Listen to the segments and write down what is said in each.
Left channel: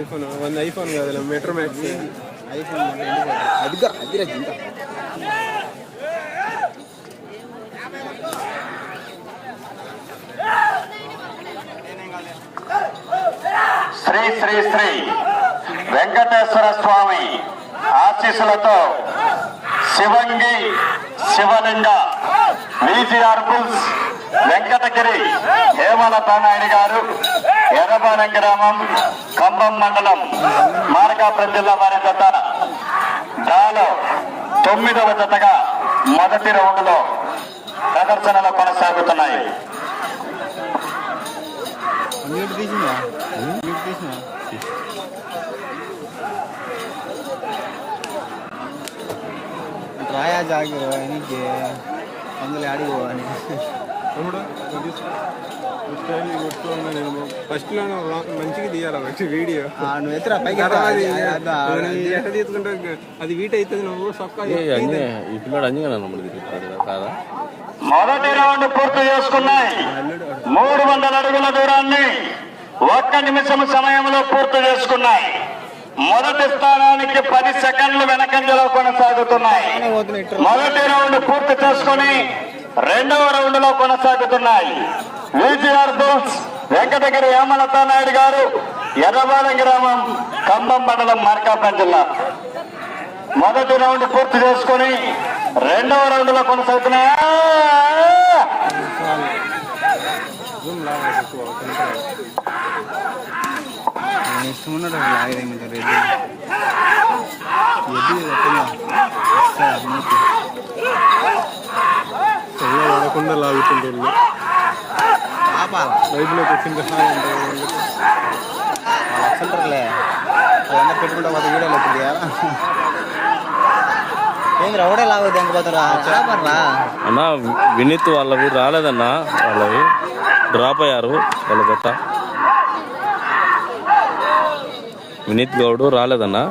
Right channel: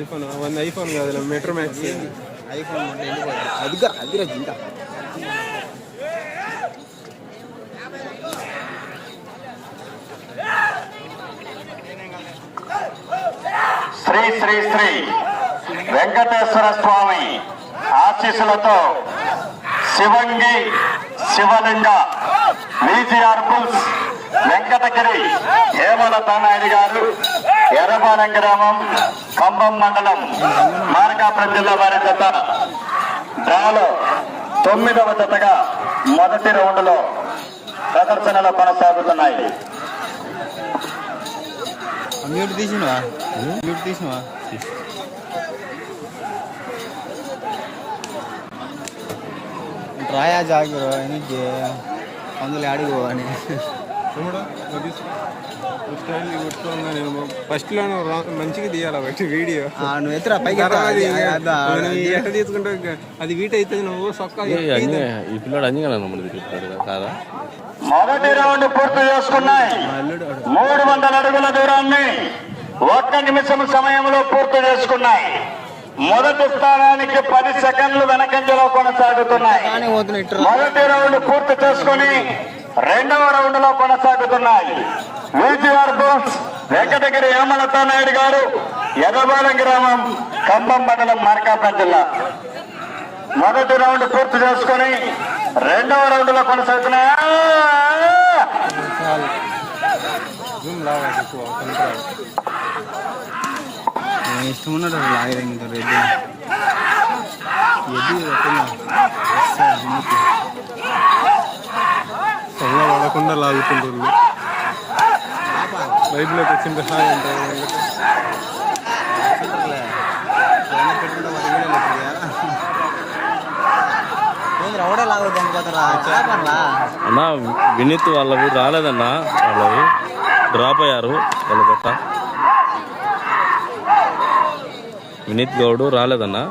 IPhone వంద iPhone కాదు metro max iPhone అదిగా అది రాజు ఇంకా శ్రీ శ్రీ శ్రీ వెంకటేశ్వర స్వామి ఆశీస్సులతో శివంగి శివలింగ విజిఆర్ బుల్స్ వెంకటగిరి హేమలత నాయుడు గారు ఎర్రపాలెం గ్రామం ఖమ్మం మండలం మార్కాపురం జిల్లా వారి జత డ్రాలో 9వ జతగా మొదటి రౌండ్లో ప్రదర్శనలు కొనసాగుతున్నాయి. రాయా జాగ్రత్త అందులో ఆడికి పోవాలి ఫస్ట్ లో మంచిగా తీయాలి బట్టి వీడియో నువ్వు ఎత్తురా పైకి ఎట్లా తీసుకుంటే అది వీట్ అవుతుంది నువ్వు ఈ పిల్లడు అంజనా కాదా మొదటి రౌండ్ పూర్తి చేసుకున్నాయి. 300 అడుగుల దూరాన్ని 1 నిమిషం సమయంలో పూర్తి చేసుకున్నాయి. మొదటి స్థానానికి 10 సెకండ్లు వెనకంజలో కొనసాగుతున్నాయి. మొదటి రౌండ్ పూర్తి చేసుకుని 2వ రౌండ్ లో కొనసాగుతున్నాయి. విజిఆర్ బుల్స్ వెంకటగిరి హేమలత నాయుడు గారు ఎర్రపాలెం గ్రామం ఖమ్మం మండలం మార్కాపురం జిల్లా. మొదటి రౌండ్ పూర్తి చేసుకుని 2వ రౌండ్ లో కొనసాగుతున్నాయి. ఇష్టమున్నది రెడ్డి పడకుండా లాగుతుంటారు బైబిల్లోకి వచ్చిన సహాయం ఉంటుంది అన్నా వినీత్ వాళ్ళవి రాలేదన్నా, వాళ్ళవి డ్రాప్ అయ్యారు. వాళ్ళ గట్ట వినీత్ గౌడ్ రాలేదన్నా.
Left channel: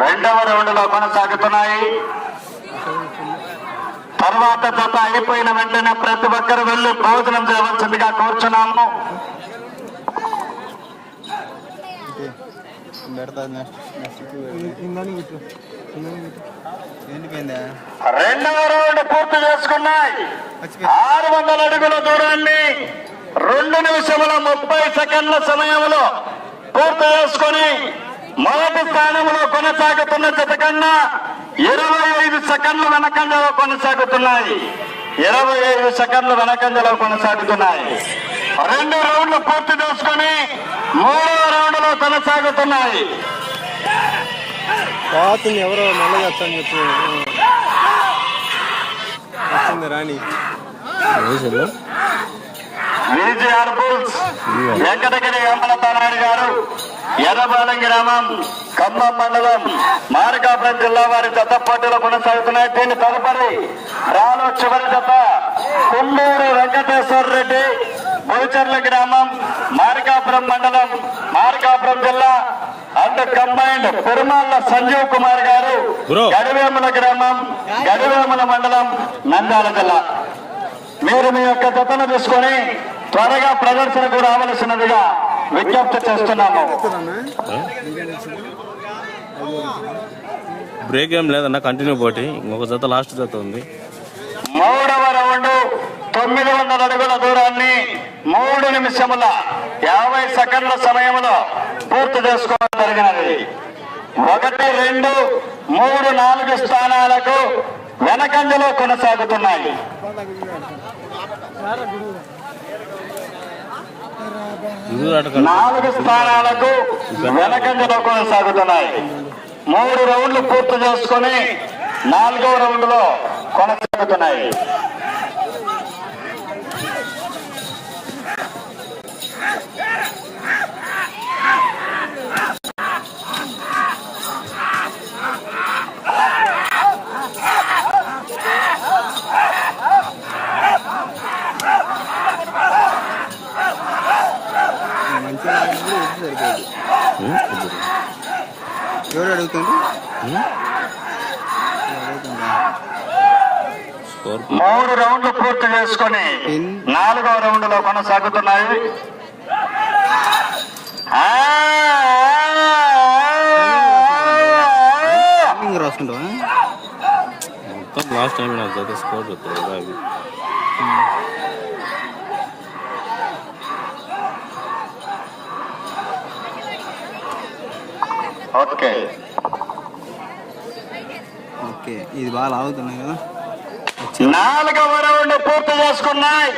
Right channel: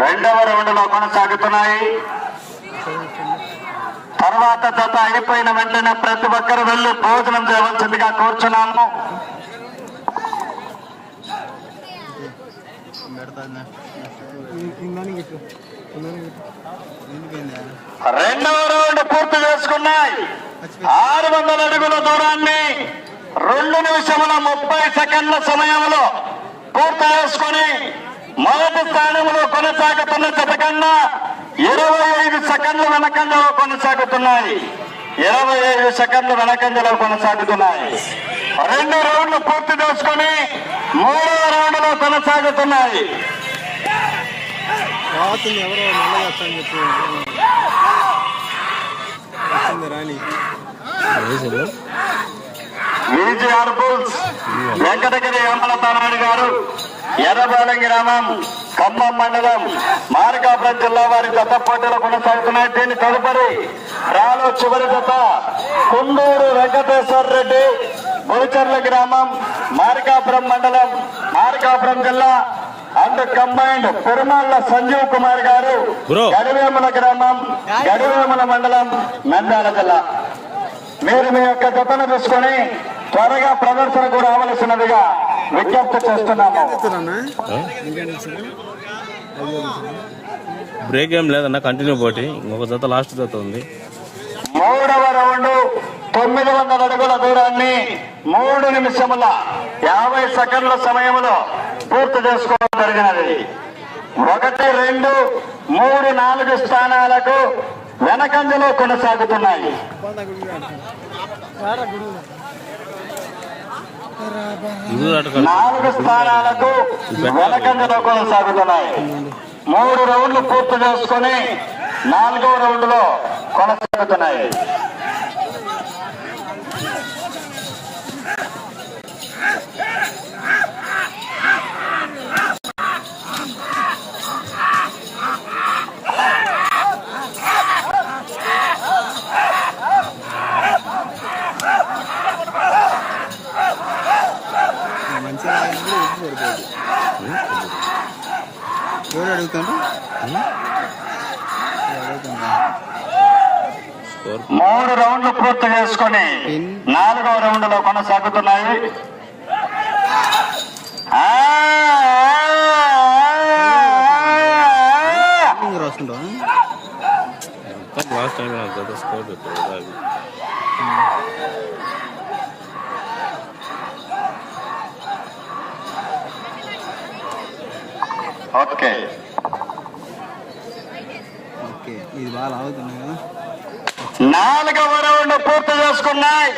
రెండవ రౌండ్ లో కొనసాగుతున్నాయి. తర్వాత జత అయిపోయిన వెంటనే ప్రతి ఒక్కరు వెళ్లి భోజనం చేయవలసిందిగా కోరుచున్నాము. రెండవ రౌండ్ పూర్తి చేసుకున్నాయి. 600 అడుగుల దూరాన్ని 2 నిమిషముల 30 సెకండ్ల సమయంలో పూర్తి చేసుకుని మొదటి స్థానంలో కొనసాగుతున్న జత కన్నా 25 సెకండ్ల వెనకంజలో కొనసాగుతున్నాయి. 25 సెకండ్ల వెనకంజలో కొనసాగుతున్నాయి. 2 రౌండ్లు పూర్తి చేసుకుని 3వ రౌండ్ లో కొనసాగుతున్నాయి. ఎవరో నల్లగా రాణి విజిఆర్ బుల్స్ వెంకటగిరి హేమలత నాయుడు గారు ఎర్రపాలెం గ్రామం ఖమ్మం మండలం మార్కాపురం జిల్లా వారి జత పోటీలో కొనసాగుతున్నాయి. దీని తదుపరి రాను చివరి జత కుండూరు వెంకటేశ్వర రెడ్డి బుల్చర్ల గ్రామం మార్కాపురం మండలం మార్కాపురం జిల్లా అండ్ కంబైన్డ్ పెరుమాళ్ళ సంజీవ్ కుమార్ గారు గడివేముల గ్రామం గడివేముల మండలం నంద్యాల జిల్లా. మీరు మీ యొక్క జతను తీసుకొని త్వరగా ప్రదర్శనకు రావలసినదిగా విజ్ఞప్తి చేస్తున్నాము. బ్రేక్ ఏం లేదన్నా, కంటిన్యూ పోటీ. ఇంకొక జత లాస్ట్ జత ఉంది. 3వ రౌండ్ 900 అడుగుల దూరాన్ని 3 నిమిషముల 50 సెకండ్ల సమయంలో పూర్తి చేసుకోవడం జరిగినది. 1, 2, 3, 4 స్థానాలకు వెనకంజలో కొనసాగుతున్నాయి. 4 స్థానాలకు వెనకంజలో కొనసాగుతున్నాయి. 3 రౌండ్లు పూర్తి చేసుకుని 4వ రౌండ్ లో కొనసాగుతున్నాయి. ఎవరు అడుగుతుండ్రు? స్కోర్ 3 రౌండ్లు పూర్తి చేసుకుని 4వ రౌండ్ లో కొనసాగుతున్నాయి. రాసుకుంటావా లాస్ట్ టైం నాకు జత స్కోర్ చెప్తాడు. ఓకే ఓకే, ఇది బాగా లాగుతున్నాయి కదా. 4వ రౌండ్ పూర్తి చేసుకున్నాయి.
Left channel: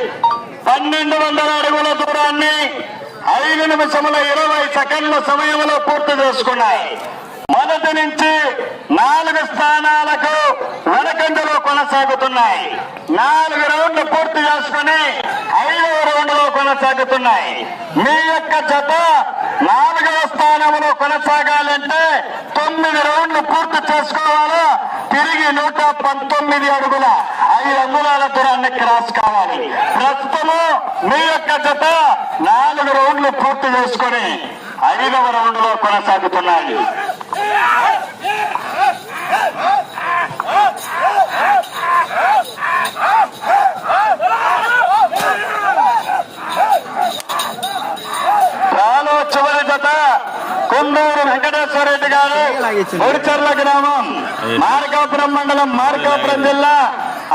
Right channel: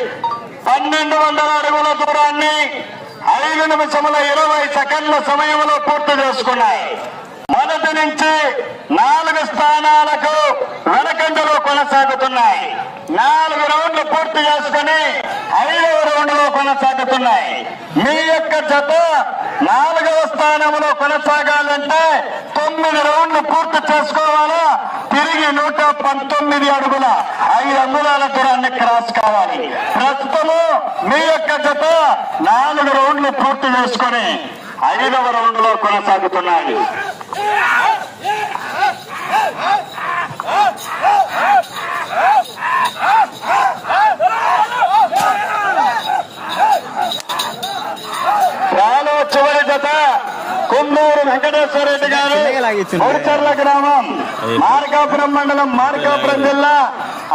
1200 అడుగుల దూరాన్ని 5 నిమిషముల 20 సెకండ్ల సమయంలో పూర్తి చేసుకున్నాయి. మొదటి నుంచి 4 స్థానాలకు వెనకంజలో కొనసాగుతున్నాయి. 4 రౌండ్లు పూర్తి చేసుకుని 5వ రౌండ్ లో కొనసాగుతున్నాయి. మీ యొక్క జత 4వ స్థానంలో కొనసాగాలంటే 9 రౌండ్లు పూర్తి చేసుకోవాలా, తిరిగి 119 అడుగుల 5 అంగుళాల దూరాన్ని క్రాస్ కావాలి. ప్రస్తుతము మీ యొక్క జత 4 రౌండ్లు పూర్తి చేసుకుని 5వ రౌండ్ లో కొనసాగుతున్నాయి. చివరి జత కుందూరు వెంకటేశ్వర రెడ్డి గారు, కోడిచర్ల గ్రామం, మార్కాపురం మండలం, మార్కాపురం జిల్లా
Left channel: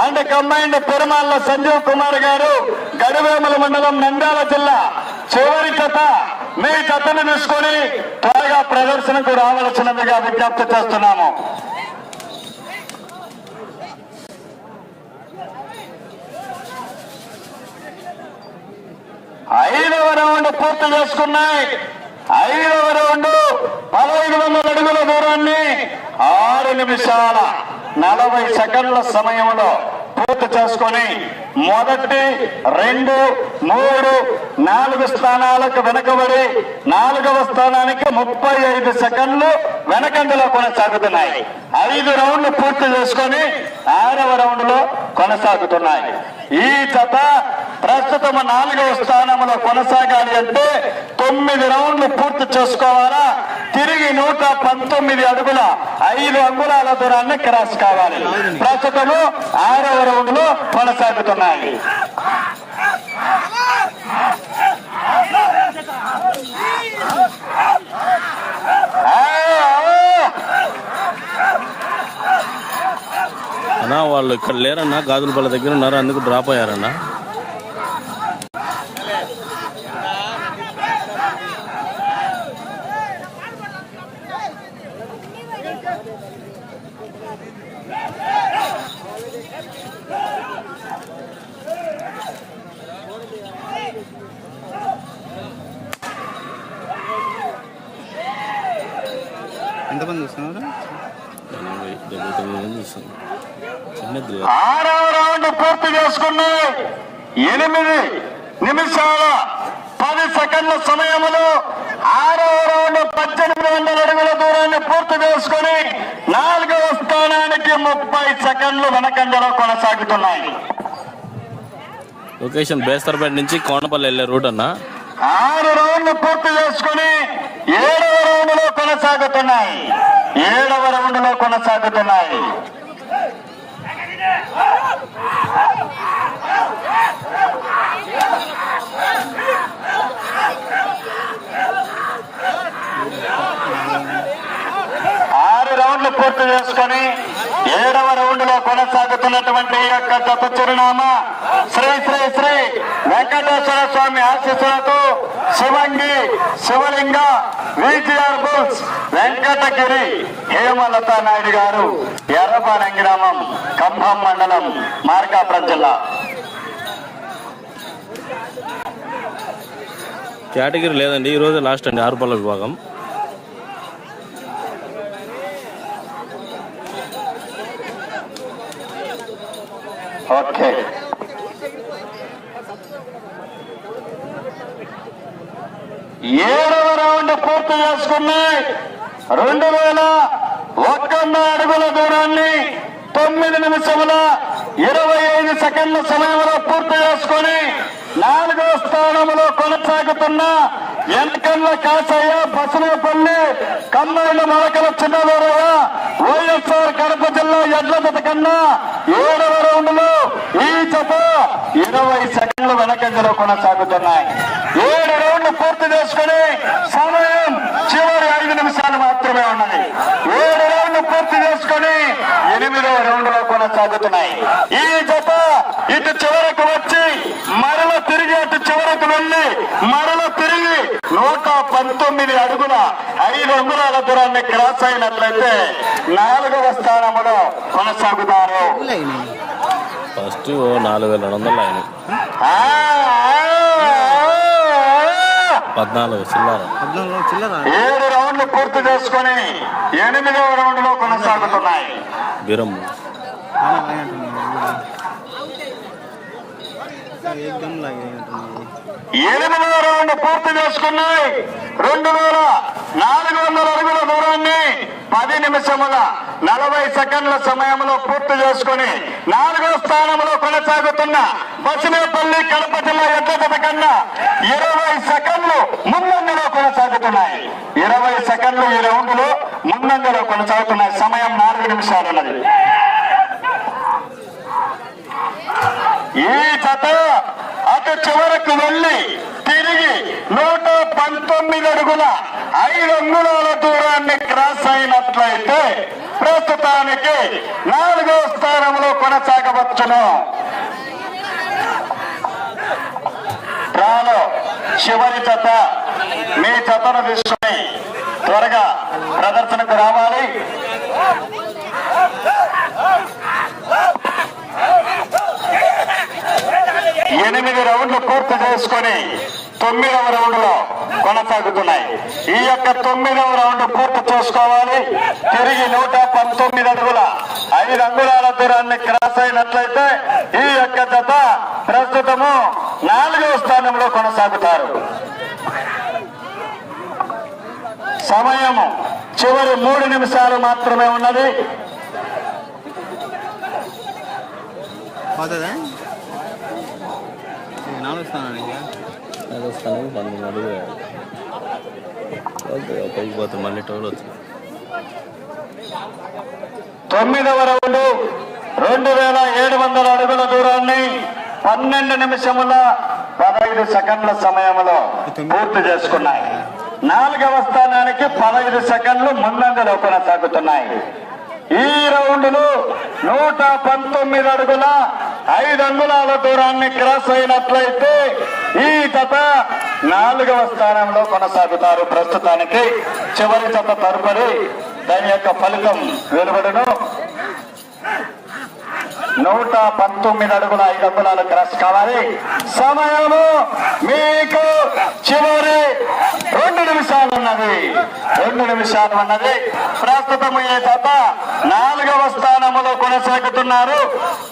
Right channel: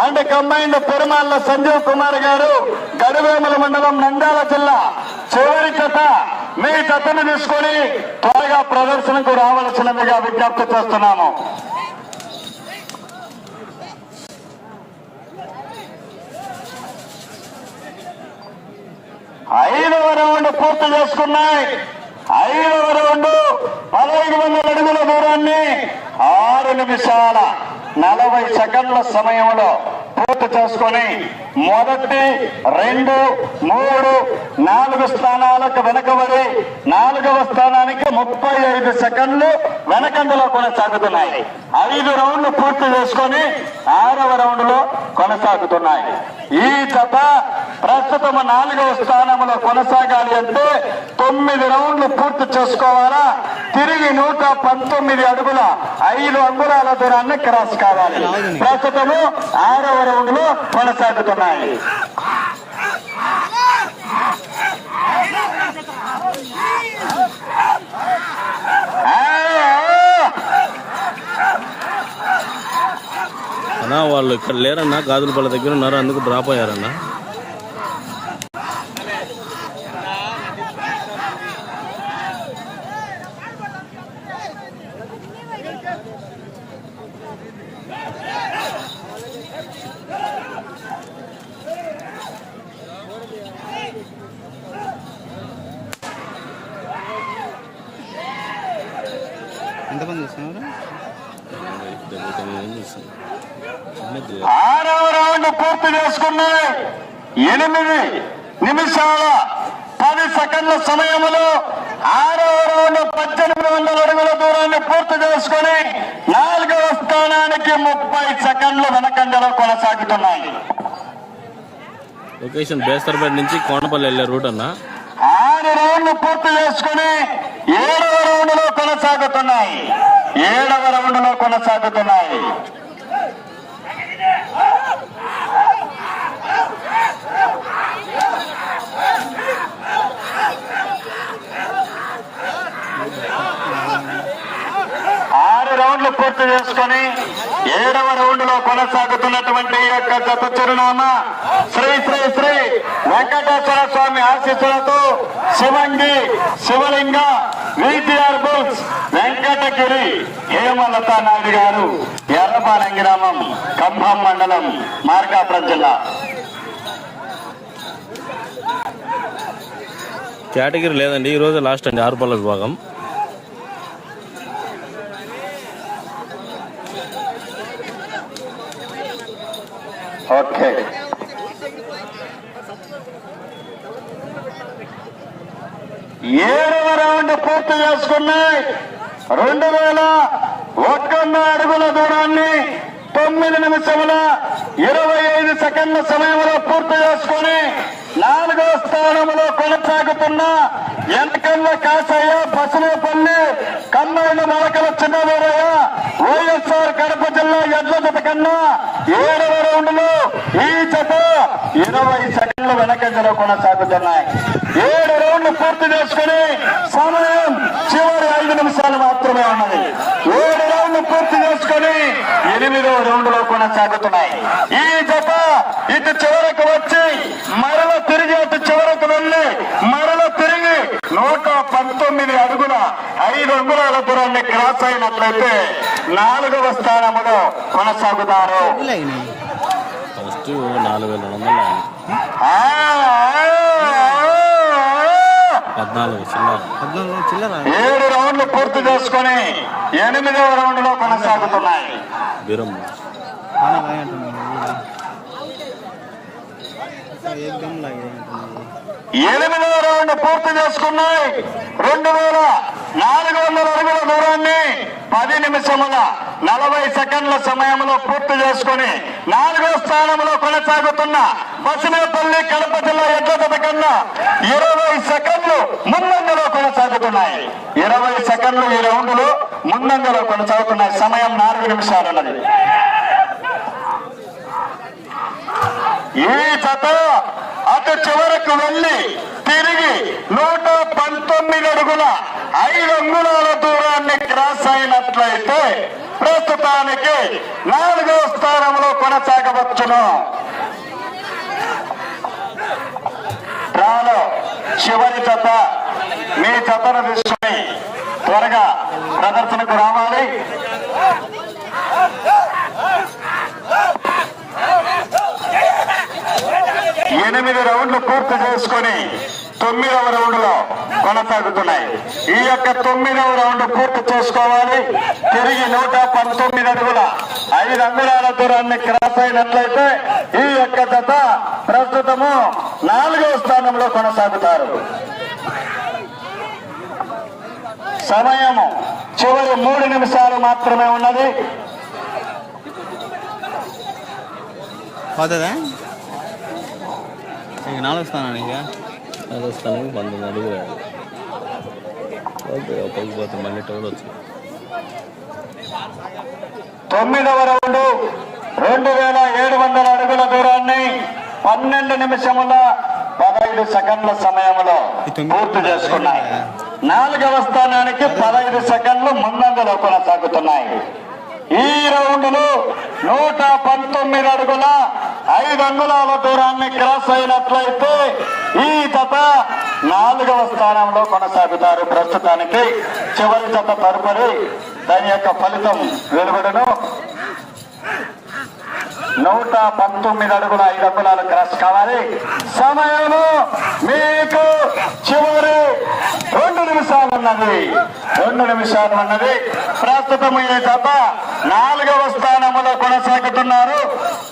అండ్ కంబైన్డ్ పెరుమాళ్ల సంజీవ్ కుమార్ గారు, గడివేముల మండలం, నంద్యాల జిల్లా. చివరి జత మీ జతను తీసుకుని త్వరగా ప్రదర్శనకు రావాల్సినదిగా విజ్ఞప్తి చేస్తున్నాము. ఐదవ రౌండ్ పూర్తి చేసుకున్నాయి. 5వ రౌండ్ 1500 అడుగుల దూరాన్ని 6 నిమిషాల 40 సెకండ్ల సమయంలో పూర్తి చేసుకొని మొదటి 2, 3, 4 స్థానాలకు వెనకబడి 4వ స్థానానికి 35 సెకండ్లు వెనకంజలో కొనసాగుతున్నాయి. 5 రౌండ్లు పూర్తి చేసుకొని 6వ రౌండ్ లో కొనసాగుతున్నాయి. ఈ జత ప్రస్తుతం 4వ స్థానంలో కొనసాగాలి అంటే 9 రౌండ్లు పూర్తి చేసుకోవాలా, తిరిగి 119 అడుగుల 5 అంగుళాల దూరాన్ని క్రాస్ కావాలి. ప్రస్తుతము 6వ రౌండ్ లో కొనసాగుతున్నాయి. అన్నా వాళ్ళు ఇక్కడ లేరన్నా, గాజులపల్లి దగ్గర ఉన్నారు, అందుకు డ్రాప్ అయ్యారన్నా. ఎంతమంది వస్తున్నారు? 6వ రౌండ్ పూర్తి చేసుకున్నాయి. 8 నిమిషాల 10 సెకండ్ల సమయంలో 6వ రౌండ్ 1800 అడుగుల దూరాన్ని పూర్తి చేసుకుని 4వ స్థానానికి 30 సెకండ్లు వెనకంజలో కొనసాగుతున్నాయి. లొకేషన్ బేస్తర్పేట నుంచి కోనపల్లి వెళ్ళే రూట్ అన్నా. 6 రౌండ్లు పూర్తి చేసుకుని 7వ రౌండ్ లో కొనసాగుతున్నాయి. 7వ రౌండ్ లో కొనసాగుతున్నాయి. రౌండ్లు పూర్తి చేసుకుని 7వ రౌండ్ లో కొనసాగుతున్నటువంటి ఈ యొక్క జత చిరునామా శ్రీ శ్రీ శ్రీ వెంకటేశ్వర స్వామి ఆశీస్సులతో శివంగి శివలింగ విటిఆర్ బుల్స్ వెంకటగిరి హేమలత నాయుడు గారు, ఎర్రపాలెం గ్రామం, ఖమ్మం మండలం, మార్కాపురం జిల్లా. కేటగిరీ లేదండి, ఈ రోజు లాస్ట్ అండి 6 పళ్ళ విభాగం. ఓకే, ఏడవ రౌండ్ పూర్తి చేసుకున్నాయి. 2001 అడుగుల దూరాన్ని 9 నిమిషముల 25 సెకండ్ల సమయంలో పూర్తి చేసుకుని 4వ స్థానంలో కొనసాగుతున్న ఎన్కల్ల కాసయ్య, బసనపల్లి, కమ్మైళ్ళ మొలకల చిన్నదూరయ్య, వైఎస్ఆర్ కడప జిల్లా ఎడ్ల జత కన్నా 7వ రౌండ్లో ఈ జత 20 సెకండ్లు వెనకంజలో కొనసాగుతున్నాయి. 7 రౌండ్లు పూర్తి చేసుకుని సమయం చివరి 5 నిమిషాలు మాత్రమే ఉన్నది. 7 రౌండ్లు పూర్తి చేసుకుని 8వ రౌండ్లో కొనసాగుతున్నాయి. ఈ జత ఇటు చివరకు వచ్చి మరల తిరిగి అటు చివరకు వెళ్ళి మరల తిరిగి 119 అడుగుల 5 అంగుళాల దూరాన్ని క్రాస్ అయినట్లయితే 4వ స్థానంలో కొనసాగుతారు. ఫస్ట్ 4,200 ఆయన 14 చిల్లర 7 రౌండ్లు పూర్తి చేసుకుని 8వ రౌండ్ లో కొనసాగుతున్నాయి. బీరం ఎనిమిదవ రౌండ్ పూర్తి చేసుకున్నాయి. 2,400 అడుగుల దూరాన్ని 10 నిమిషముల 40 సెకండ్ల సమయంలో పూర్తి చేసుకుని 4వ స్థానంలో కొనసాగుతున్న బసినేపల్లి కడప జిల్లా ఎడ్ల జత కన్నా 20 సెకండ్లు ముందంజలో కొనసాగుతున్నాయి. 20 సెకండ్లు ఈ రౌండ్లో ముందంజలో కొనసాగుతున్నాయి. సమయం 4 నిమిషాలు ఉన్నది. ఈ జత అటు చివరకు వెళ్ళి తిరిగి 119 అడుగుల 5 అంగుళాల దూరాన్ని క్రాస్ అయినట్లయితే ప్రస్తుతానికి 4వ స్థానంలో కొనసాగవచ్చును. డ్రాలో చివరి జత మీ జతను తీసుకుని త్వరగా ప్రదర్శనకు రావాలి. ఎనిమిది రౌండ్లు పూర్తి చేసుకుని 9వ రౌండ్ లో కొనసాగుతున్నాయి. ఈ యొక్క 9వ రౌండ్ పూర్తి చేసుకోవాలి. తిరిగి 119 అడుగుల 5 అంగుళాల దూరాన్ని క్రాస్ అయినట్లయితే ఈ యొక్క జత ప్రస్తుతము 4వ స్థానంలో కొనసాగుతారు. సమయము చివరి 3 నిమిషాలు మాత్రమే ఉన్నది. నాలుగు స్థానానికి 19 అడుగులు పైకి పోతే మళ్ళీ టోల్ వచ్చింది. 9వ రౌండ్ 2,700 అడుగుల దూరాన్ని 12 నిమిషముల 15 సెకండ్ల సమయంలో పూర్తి చేసుకున్నాయి. 4వ స్థానానికి 15 సెకండ్లు ముందంజలో కొనసాగుతున్నాయి. ఈ రౌండ్లు 119 అడుగుల 5 అంగుళాల దూరాన్ని క్రాస్ అయినట్లయితే ఈ జత 4వ స్థానంలో కొనసాగుతారు. ప్రస్తుతానికి చివరి జత తదుపరి దాని యొక్క ఫలితం వెలువడును. 119 అడుగుల 5 అంగుళాలు క్రాస్ కావాలి. సమయము మీకు చివరి 2 నిమిషాలు ఉన్నది. 2 నిమిషాలు ఉన్నది. ప్రస్తుతం ఈ జత 4వ స్థానంలో కొనసాగుతున్నారు.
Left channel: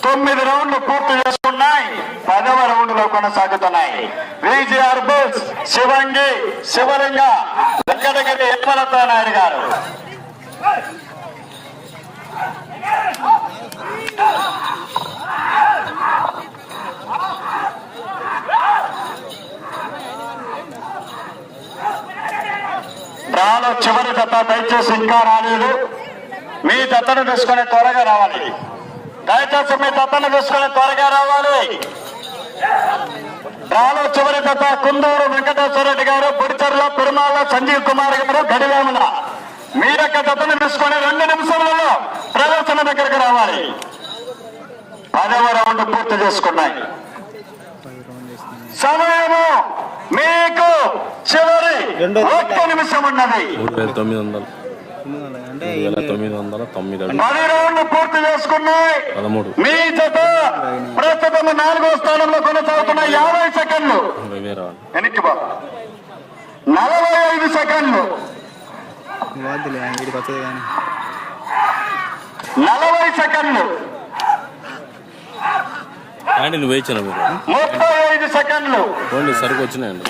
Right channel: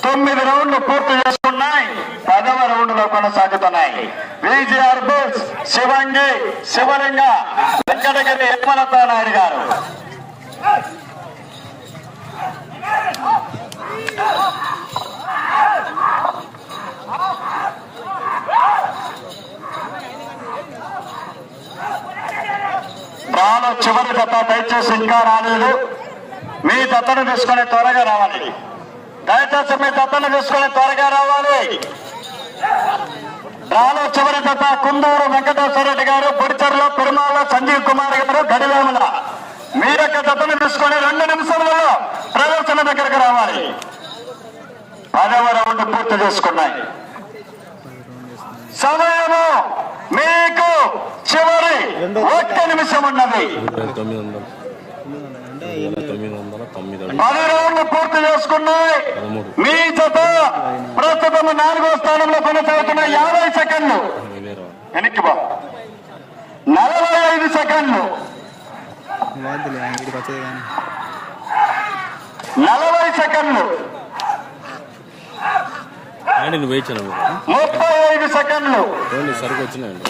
9 రౌండ్లు పూర్తి చేసుకున్నాయి. 10వ రౌండ్ లో కొనసాగుతున్నాయి. విజిఆర్ బుల్స్ శివంగి శివలింగ వెంకటగిరి యశ్వలతా నాయుడు గారు. రాను చివరి జత దయచేసి ఇంకా రాలేదు. మీ జతను తీసుకుని త్వరగా రావాలి. దయచేసి మీ జతను తీసుకుని త్వరగా రావాలి. రాను చివరి జత కుందూరు వెంకటేశ్వర రెడ్డి గారు, పొడిచెర్ల పెరుమాళ్ళ సంజీవ్ కుమార్ గారు, గడివేముల. మీరొక్క జతను తీసుకుని 2 నిమిషాలలో ప్రదర్శన దగ్గరకు రావాలి. 10వ రౌండ్ పూర్తి చేసుకున్నాయి. సమయము మీకు చివరి 1 నిమిషం ఉన్నది. 900 10 రౌండ్లు పూర్తి చేసుకున్నాయి. మీ జత ప్రస్తుతం 4వ స్థానంలో కొనసాగుతున్న 50 సెకండ్లు వెనక్కి 45 సెకండ్లు 40 సెకండ్లు 35 సెకండ్లు సరిగ్గా వచ్చినాయండి.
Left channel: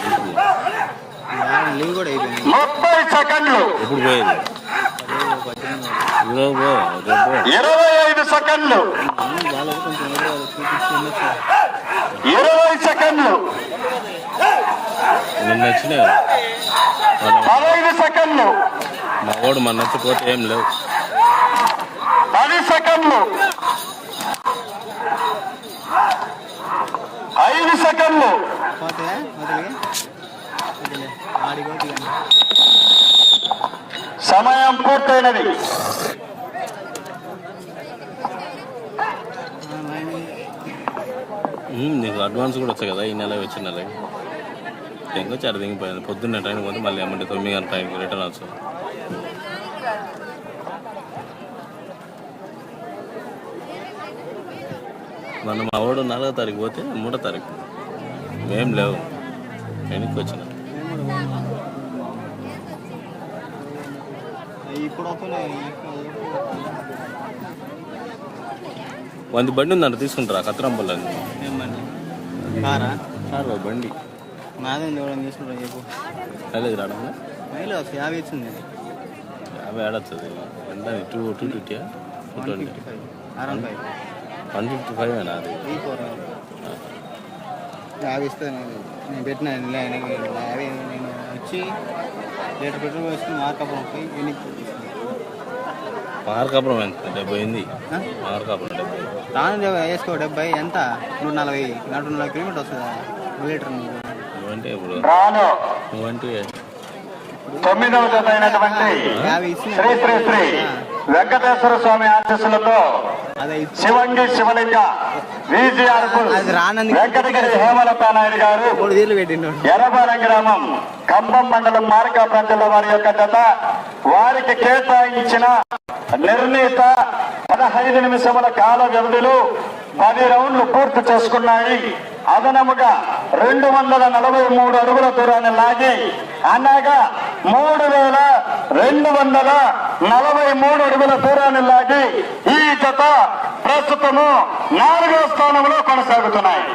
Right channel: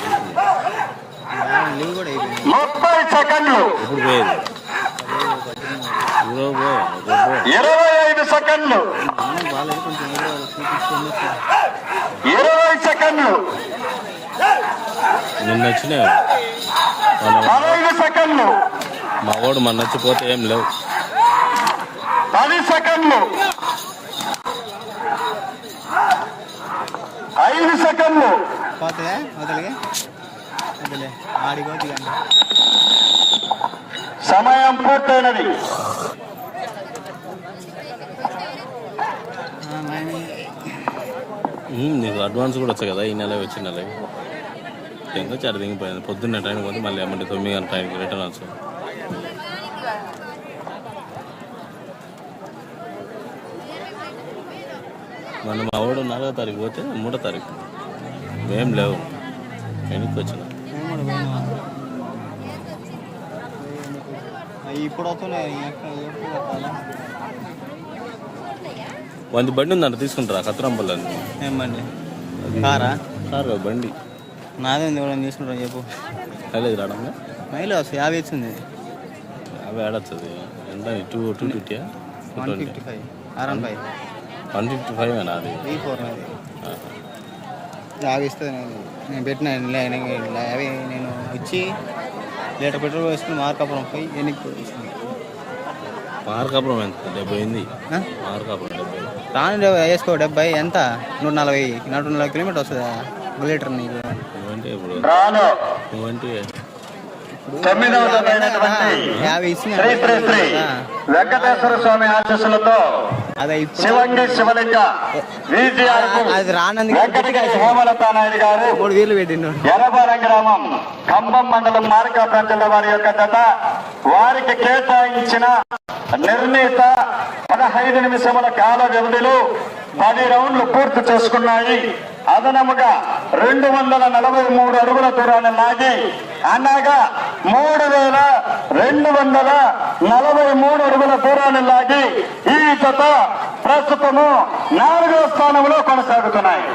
30 సెకండ్లు 25 సెకండ్లు 20 సెకండ్లు నిన్న వచ్చినాయి. 15 సెకండ్లు మా వాడు మన నచ్చిపోతే ఏం లేవు. సెకండ్లు 5 సెకండ్లు. పోతాయా వదిలే వదిలే ఆడిపోతుంది. సమయం పూర్తయినది. నీకు అడ్వాన్స్ కూడా వచ్చాయి కదా ఈ నెల వచ్చిన నెల ఇంకా చాట దిగిపోయింది. పొద్దున్నే ట్రైన్ పోతే మళ్ళీ అమ్మంటే 9 గంటల ట్రైన్కి రిటర్న్ వచ్చు. మనం మా వాడు 4వ తారీఖు పోతే 3వ తారీఖు ఏం లేవు వెనక్కి వచ్చిన. ఇప్పుడు వస్తున్నాయి. వంద బండి ఉందంట తీసుకుంటారా కత్తిరంపల్లి? ఏమండి కారా? కారు కాదు బండి. నాదే ఉంది కూడా తీసుకుంటా చెప్పు. అదే రావడం మైలు 50 ఇచ్చింది. 50 ఆడొస్తుంది. ఎంత 250 155 155 అది 50 ఇస్తే నేను పెట్టిన 50 నేను ఇచ్చి లీటర్ పెట్రోల్ వేసుకుని మార్కాపురం పోయి ఎన్నికి తీసుకున్నాను. మార్కాపురం ఎంత 70 అయింది. మార్కాపురం 70 రాను వేసుకో 70 ఎంత 140 140 కిలోమీటర్ వస్తుందా లీటర్ నీకు? నువ్వంటే ఇప్పుడు రాను నువ్వంటే 9వ జత అయినటువంటి 50 ఇచ్చిన శ్రీ శ్రీ శ్రీ వెంకటేశ్వర స్వామి ఆశీస్సులతో అదే శివంగి శివలింగ విజిఆర్ వెంకటగిరి హేమలత నాయుడు గారు 3 వేలు పెట్టినాడు. ఎర్రపాలెం గ్రామం ఖమ్మం మండలం మార్కాపురం జిల్లా వారి యొక్క జత వారికి కేటాయించిన నిర్ణీత 15 నిమిషముల కాల వ్యవధిలో 10 రౌండ్లు పూర్తి చేసుకున్నాయి. అదనముగా 243 అడుగుల దూరాన్ని లాగి అనగా 3243 అడుగుల దూరాన్ని లాగి ఈ జత ప్రస్తుతము 4వ స్థానంలో కొనసాగుతున్నాయి.